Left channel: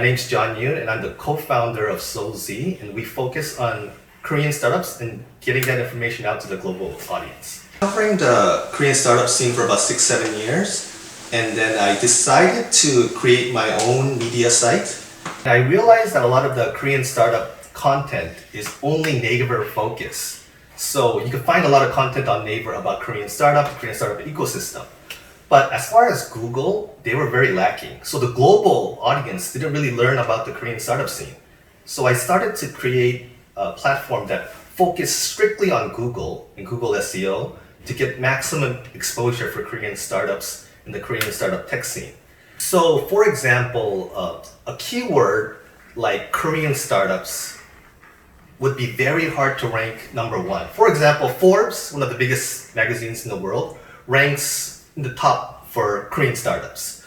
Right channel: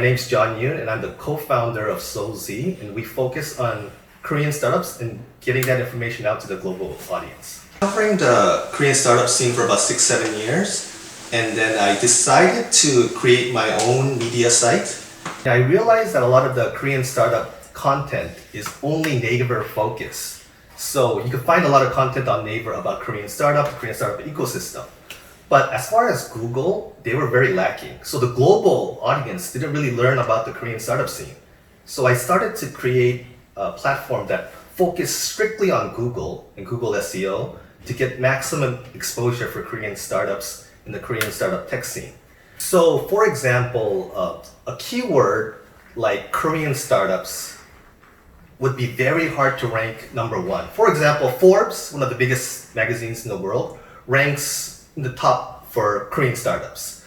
My name's Yoon, and I'm the co-founder of SEOULZ, and we focus on Korean startups and getting that information out to the global audience. Covering the Korean startup scene for about 6-7 years, and then I decided to create my own media site. I realized that a lot of the Korean startup content is only Naver focused. So you can find a lot of content on Naver about Korean startup ecosystem. But as far as Google, they were very lacking. So the global audience didn't really learn about the Korean startup scene. So I started to create a platform that focused strictly on Google and Google SEO to get maximum exposure for Korean startups in the Korean startup tech scene. So for example, a keyword like Korean startups would be very hard to rank number one. For example, Forbes, one of the biggest magazines in the world, ranks in the top for Korean startups.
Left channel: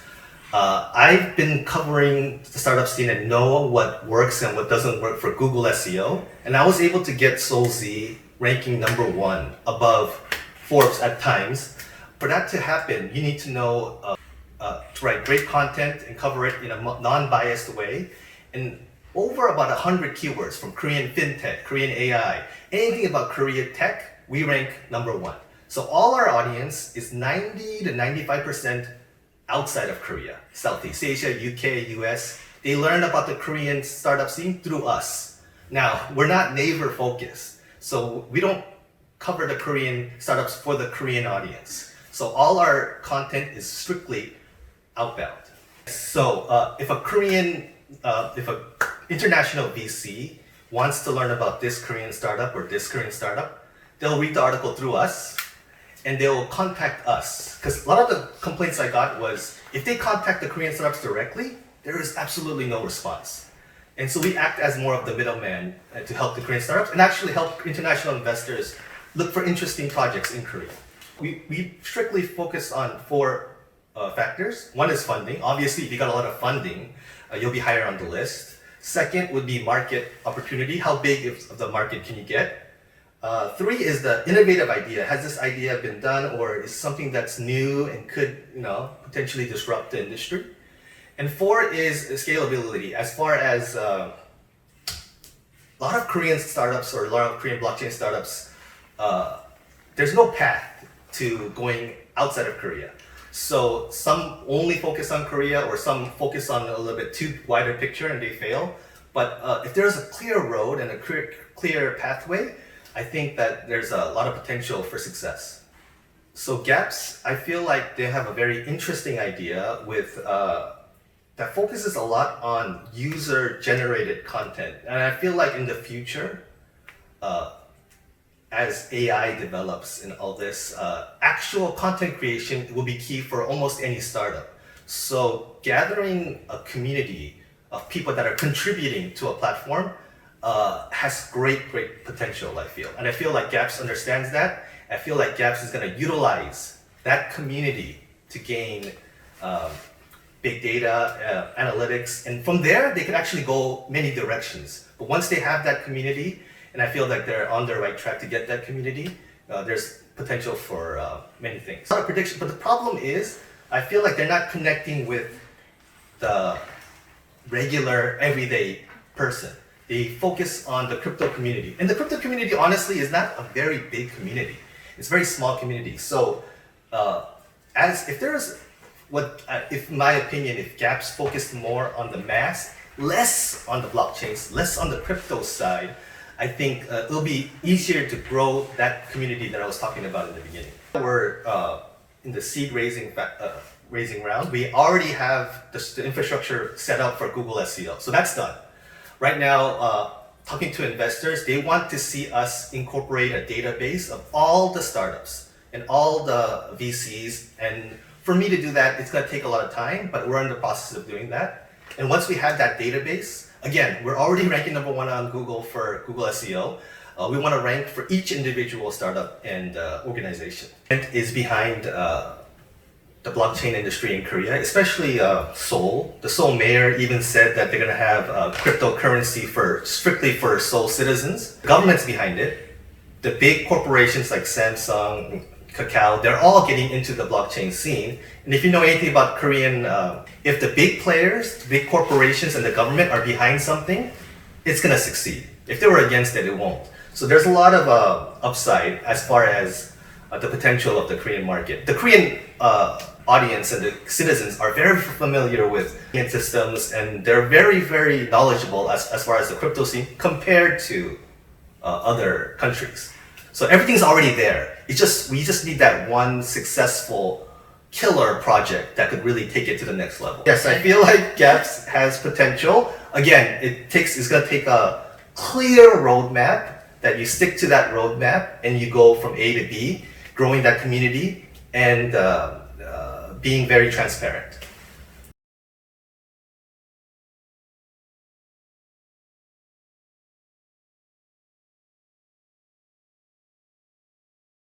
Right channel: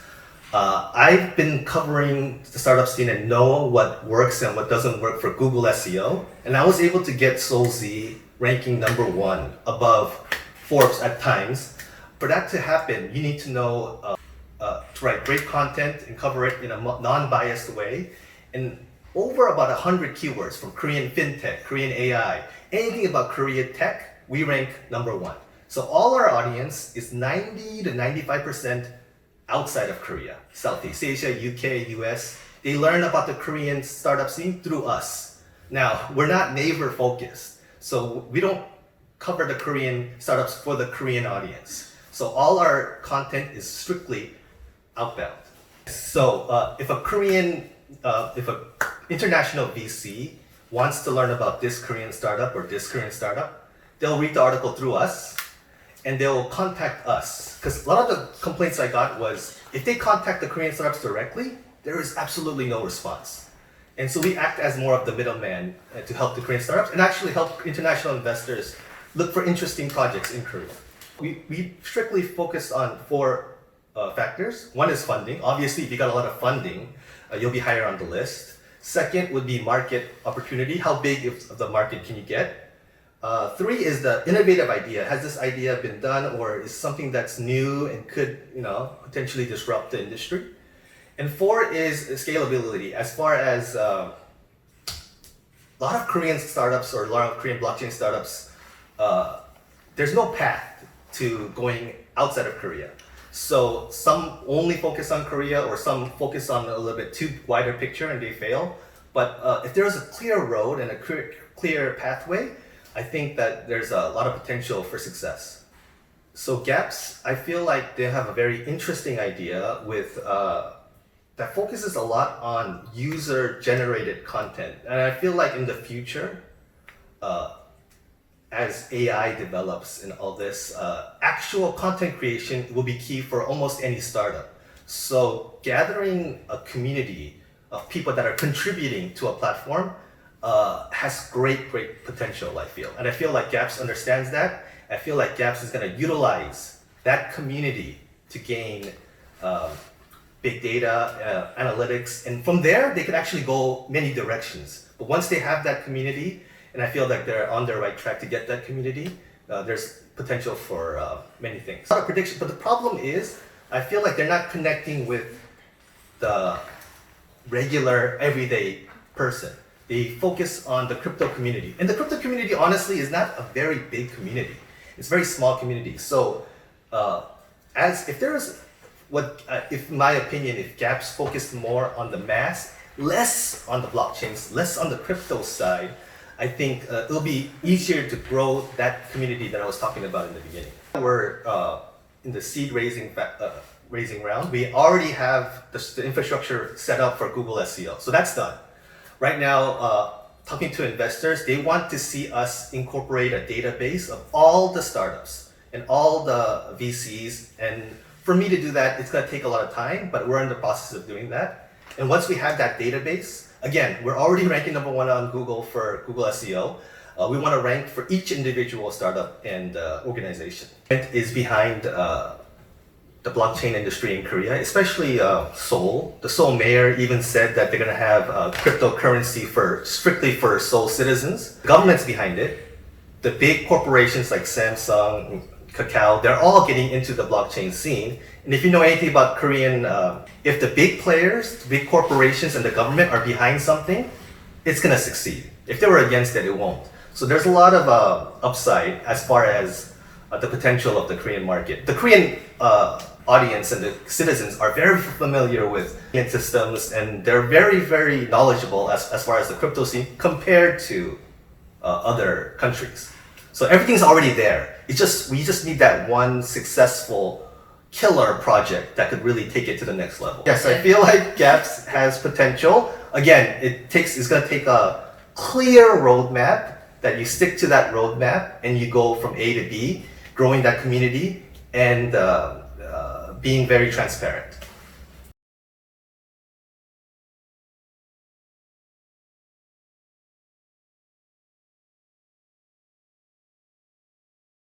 I've been covering the startup scene and know what works and what doesn't work for Google SEO, and I was able to get SEOULZ ranking number one above Forbes at times. For that to happen, you need to know to write great content and cover it in a non-biased way, and over about 100 keywords from Korean fintech, Korean AI, anything about Korean tech, we rank number one. So all our audience is 90 to 95% outside of Korea, Southeast Asia, UK, US. They learn about the Korean startup scene through us. Now, we're not Naver focused, so we don't cover the Korean startups for the Korean audience. So all our content is strictly outbound. So if an international VC wants to learn about this Korean startup or this Korean startup, they'll read the article through us and they'll contact us. Because a lot of the complaints I got was, if they contact the Korean startups directly, there is absolutely no response. And so we act as more of the middleman to help the Korean startups and actually help international investors look for interesting projects in Korea. We strictly focus on four factors. One is funding. Obviously, if you got a lot of funding, you'll be higher on the list. Second would be market opportunity. How big of the market can you get? Three is the innovative idea. Has this idea been done, or is something that's new and could, potentially disrupt the industry? And four is scalability. As far as a lot of Korean startups or a lot of Korean blockchain startups, there's no path to going outside of Korea. So some only focus on Korea, or some focus on a little bit too wider picture and they fail. But if there's a clear road and a clear pathway, I think that there's a lot of potential for success. So Gaps, I feel like they have a very interesting idea with that focuses a lot on user-generated content. And I feel like in the future, as AI develops and all this, actual content creation will be key for almost any startup. So gathering a community of people that are contributing to a platform has great potential, I feel. And I feel like Gaps understands that. I feel like Gaps is going to utilize that community to gain big data, analytics, and from there, they could actually go many directions. But once they have that community, and I feel like they're on the right track to get that community, there's potential for many things. Not a prediction, but the problem is, I feel like they're not connecting with the regular, everyday person. They focus on the crypto community. And the crypto community, honestly, is not a very big community. It's a very small community. So, if in my opinion, if Gaps focused more on the mass, less on the blockchains, less on the crypto side, I think it'll be easier to grow that community that I was talking about in the beginning. We're in the seed raising round. We already have the infrastructure set up for Google SEO. So that's done. Right now, talking to investors, they want to see us incorporate a database of all the startups and all the VCs. And for me to do that, it's going to take a lot of time, but we're in the process of doing that. And once we have that database, again, we're already ranking number one on Google for Google SEO. We want to rank for each individual startup and organization. It is behind the blockchain industry in Korea, especially Seoul. The Seoul mayor even said that they're going to have cryptocurrency strictly for Seoul citizens. The government's behind it. The big corporations like Samsung, Kakao, they're all getting into the blockchain scene. And if you know anything about Korean, if the big players, big corporations and the government are behind something, it's gonna succeed. If they were against it, it won't. So there's a lot of upside as far as the potential of the Korean market. The Korean audience and the citizens are very familiar with systems, and they're very, very knowledgeable as far as the crypto scene compared to other countries. So everything's already there. We just need that one successful killer project that could really take it to the next level. Yes, I feel like Gaps has potential. Again, it's gonna take a clear roadmap that you stick to that roadmap and you go from A to B, growing that community and being very transparent.